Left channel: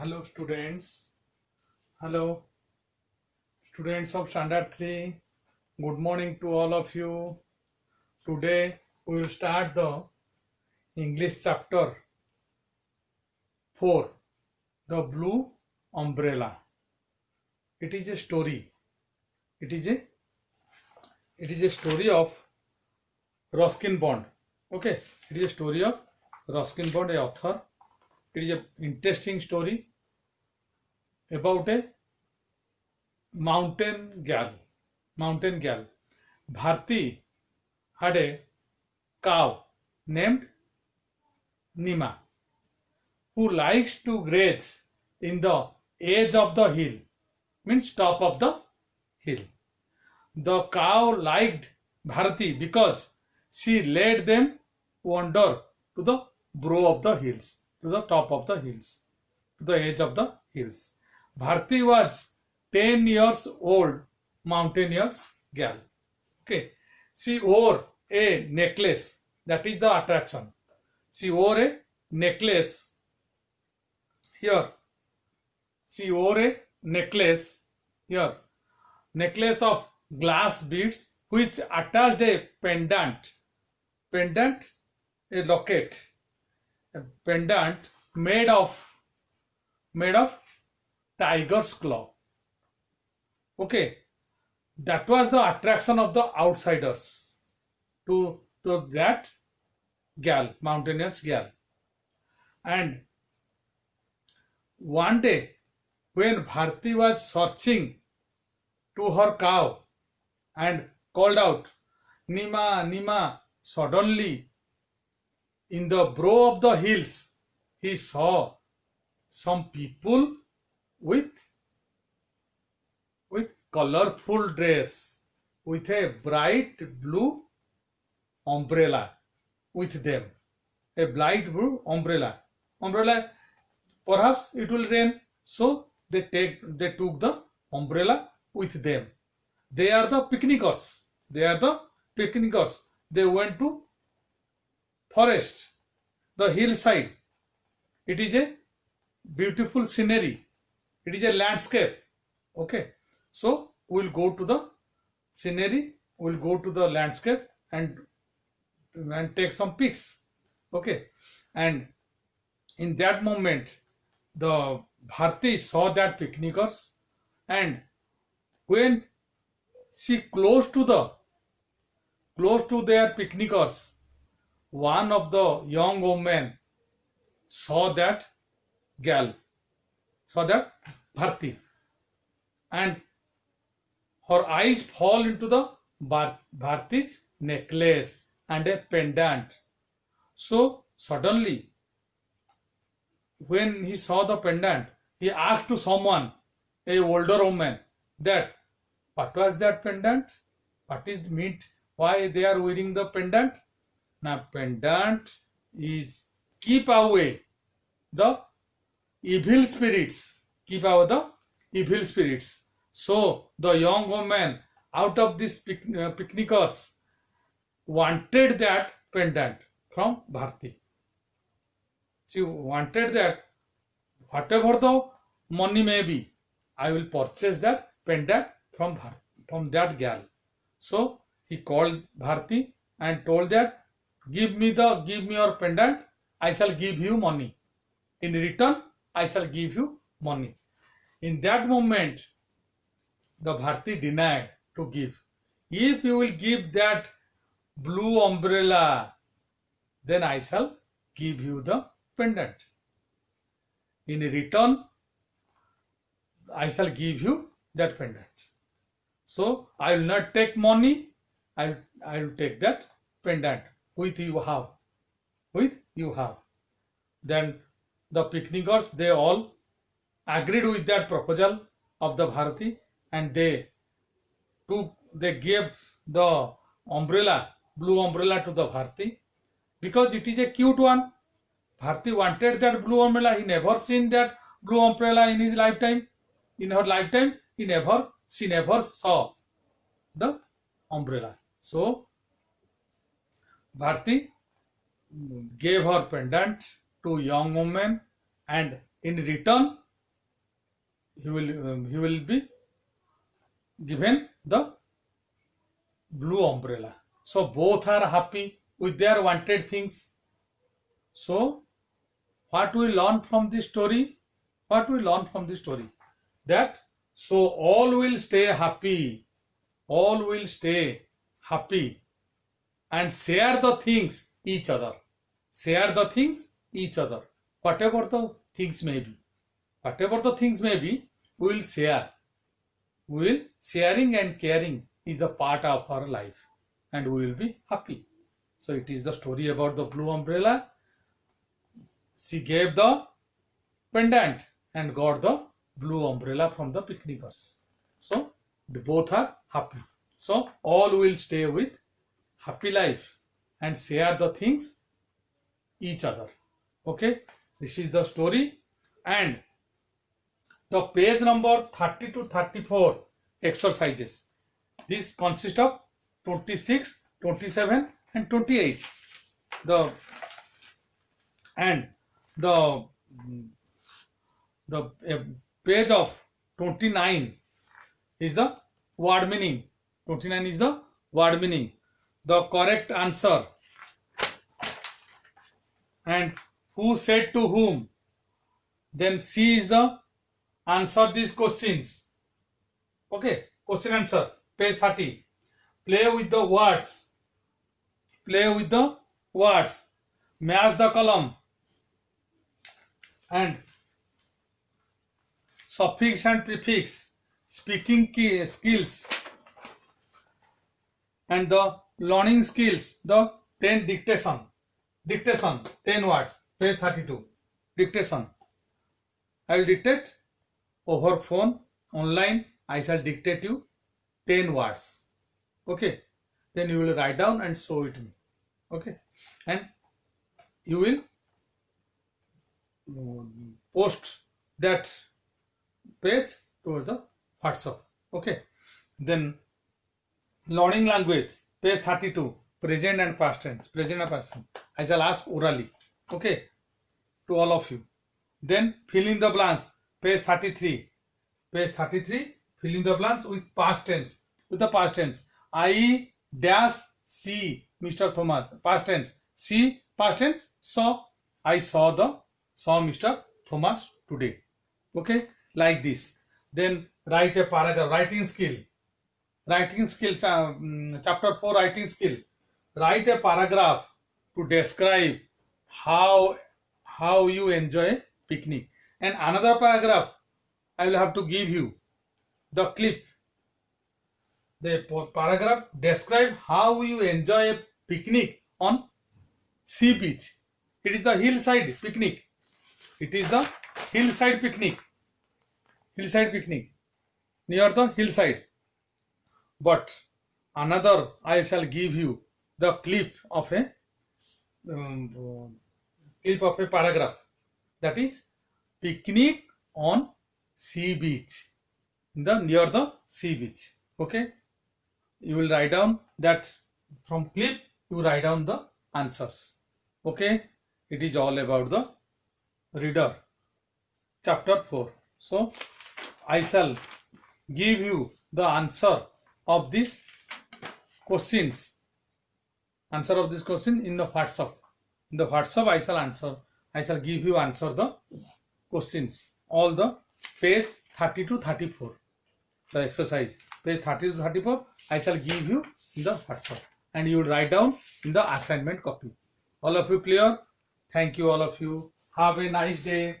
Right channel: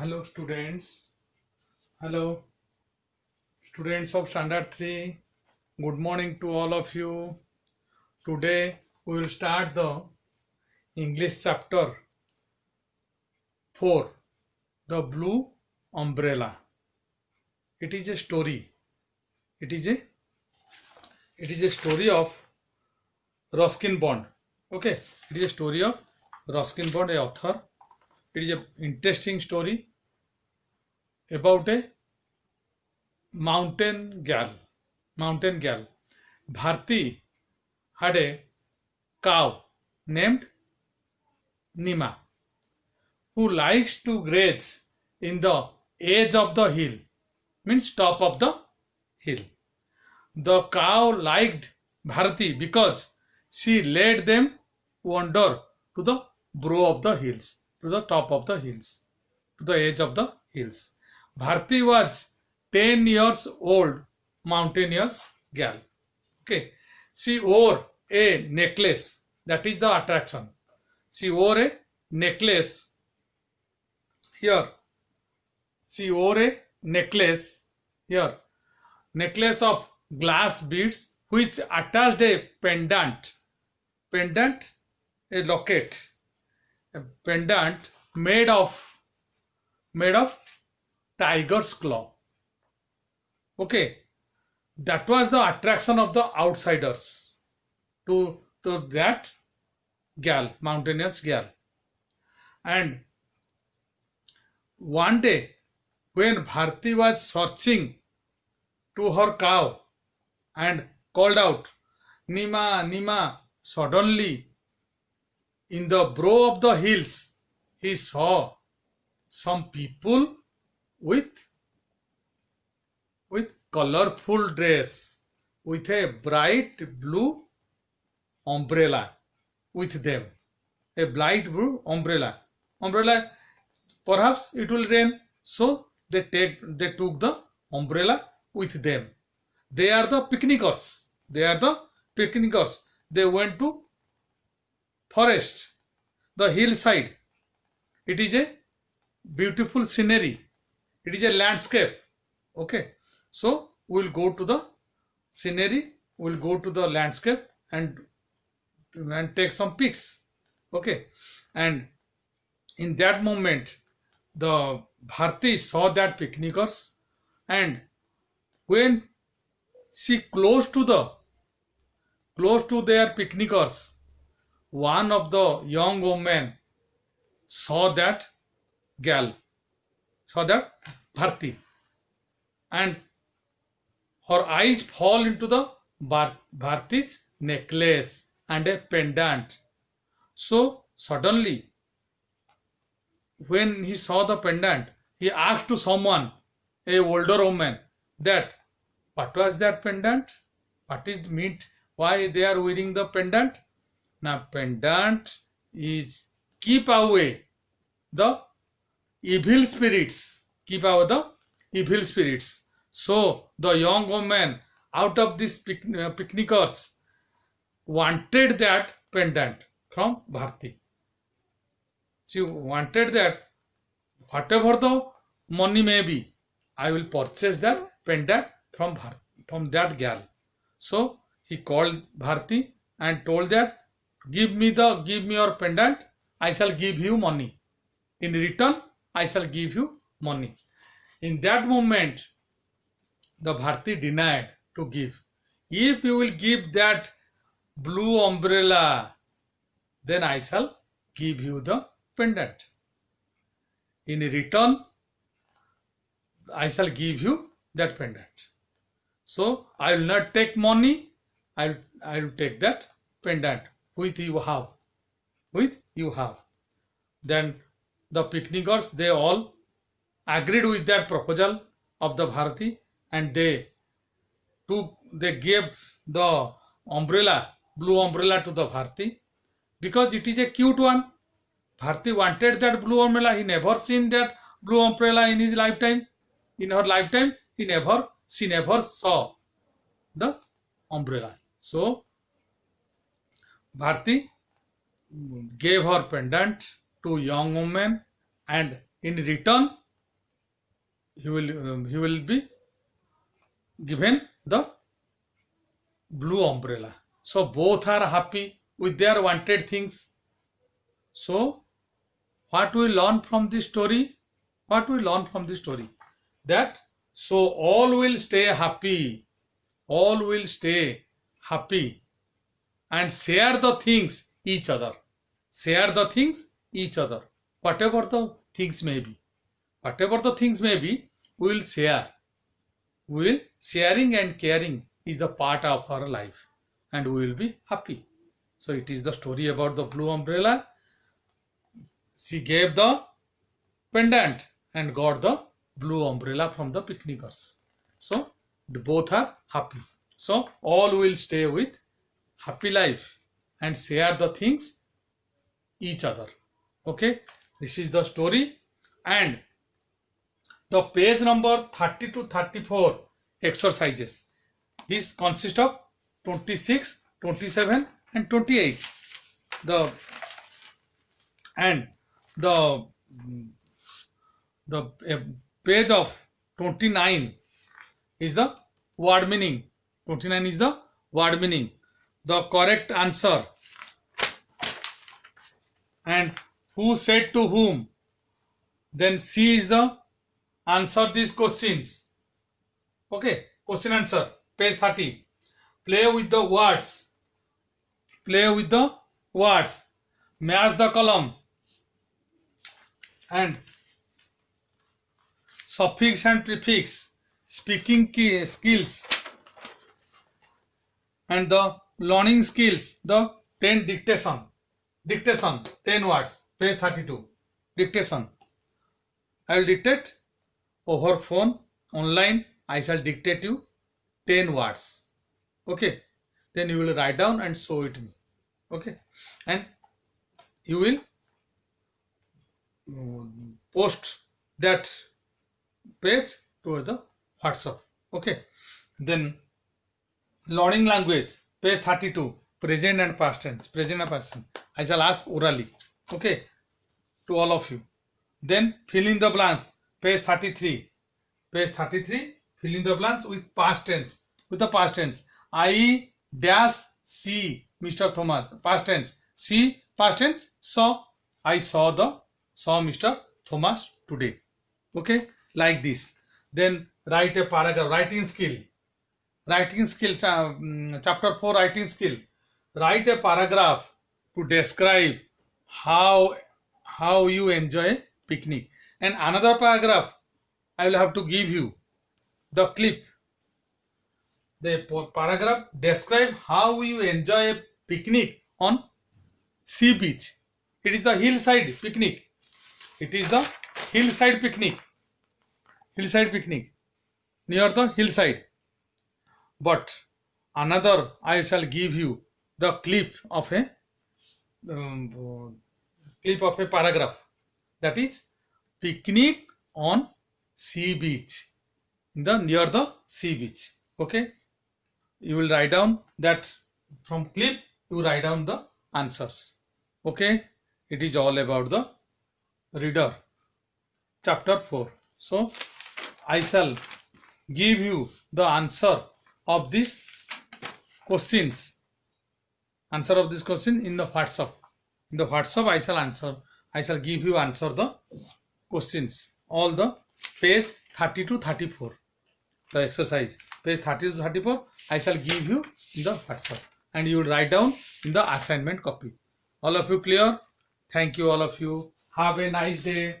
Hello students. Hello students of standard 3. Good morning to all of you. Today we will start the English chapter 4, The Blue Umbrella. It is a story. It is a story of Ruskin Bond. Okay, it is a story of Ruskin Bond, a author. It is an interesting story about a mountain girl. Bharti had a cow named Nima who likes to graze in the edge of the hill, means top of the hill. The cow liked Bharti because she led them wander to the brow of the hills, to the top of the hills, to the edge of the hills. Bharti was 10 years old mountaineers girl. Okay. She wore a necklace. That is the attraction. She wore a necklace here. She wore a necklace here. Necklace of glass beads which attached a pendant. Pendant, a locket. A pendant made of tiger's claw. Okay, that was the attraction of the outsiders to that girl, mountaineers girl. And one day, when Bharti was searching to her cow and called out, Nima, Nima, suddenly in the brow of the hills, he saw some people with colorful dress, with a bright blue umbrella with them. A bright blue umbrella. Umbrella, perhaps it will rain, so they took the umbrella with them. They are the picnickers. They went to forest, the hillside. It is a beautiful scenery. It is a landscape. Okay. So we will go to the scenery, we will go to the landscape and take some pics. Okay. And in that moment, the Bharti saw that picnickers, and when she close to their picnickers, one of the young women saw that Bharti, and her eyes fall into the Bharti's necklace and a pendant. So suddenly, when he saw the pendant, he asked to someone, a older woman, that what was that pendant? What is meant? Why they are wearing the pendant? Now pendant is keep away the evil spirits. Keep away the evil spirits. So the young woman out of these picnickers wanted that pendant from Bharti. She wanted that whatever the money may be, I will purchase that pendant from that girl. So he called Bharti and told that give me your pendant, I shall give you money. In return, I shall give you money. In that moment, the Bharti denied to give. If you will give that blue umbrella, then I shall give you the pendant. In return, I shall give you that pendant. So I will not take money, I will take that pendant with you have. Then the picnickers, they all agreed with that proposal of the Bharti, and they gave the umbrella, blue umbrella, to the Bharti because it is a cute one. Bharti wanted that blue umbrella. He never seen that blue umbrella in his lifetime. In her lifetime, she never saw the umbrella. So Bharti gave her pendant to young woman, and in return he will be given the blue umbrella. So both are happy with their wanted things. So what we learn from this story? What we learn from this story? That so all will stay happy. All will stay happy and share the things each other. Share the things each other. Whatever the things may be. Whatever the things may be, we will share. Will sharing and caring is a part of our life and we will be happy. So it is the story about the blue umbrella. She gave the pendant and got the blue umbrella from the picnickers. So both are happy. So all will stay with happy life and share the things each other. Okay, this is the story, and the page number 30 to 34 exercises. This consists of 26, 27 and 28. The page of 29 is the word meaning. 29 is the word meaning. The correct answer and who said to whom. Then C is the answer these questions. Okay, question answer, page 30. Play with the words. Play with the words. Match the column. And suffix and prefix. Speaking skills. And the learning skills. The 10 dictation. Dictation, 10 words. Page 32. Dictation. I will dictate over phone, online. I shall dictate you 10 words. Okay. Then you will write down and show it me. Okay. And you will post that page to the WhatsApp. Okay. Then learning language, page 32, present and past tense. Present and past tense. I shall ask orally. Okay. To all of you. Then fill in the blanks, page 33. Page 33, fill in the blanks with past tense. With the past tense. I dash see Mr. Thomas. Past tense. See past tense. Saw. I saw Mr. Thomas today. Okay. Like this. Then write a paragraph. Writing skill. Writing skill. Chapter 4 writing skill. Write a paragraph to describe how you enjoy picnic. And another paragraph I will have to give you the clip. The paragraph describe how you enjoy a picnic on sea beach. It is the hillside picnic. It is the hillside picnic. Hillside picnic. Near the hillside. But another I shall give you the clip of a paragraph. That is picnic on sea beach. Near the sea beach. Okay. You will write down that from clip. You write down the answers. Okay. It is all about the reader. Chapter 4. So I shall give you the answer of these questions. Answer of this question in the WhatsApp. In the WhatsApp I shall give you answer the questions. All the page 30 to 34. The exercise. Page 30 to 34 I shall give you in the WhatsApp. And you will write down in the assignment copy. All of you clear? Thank you all of you. Have a nice day.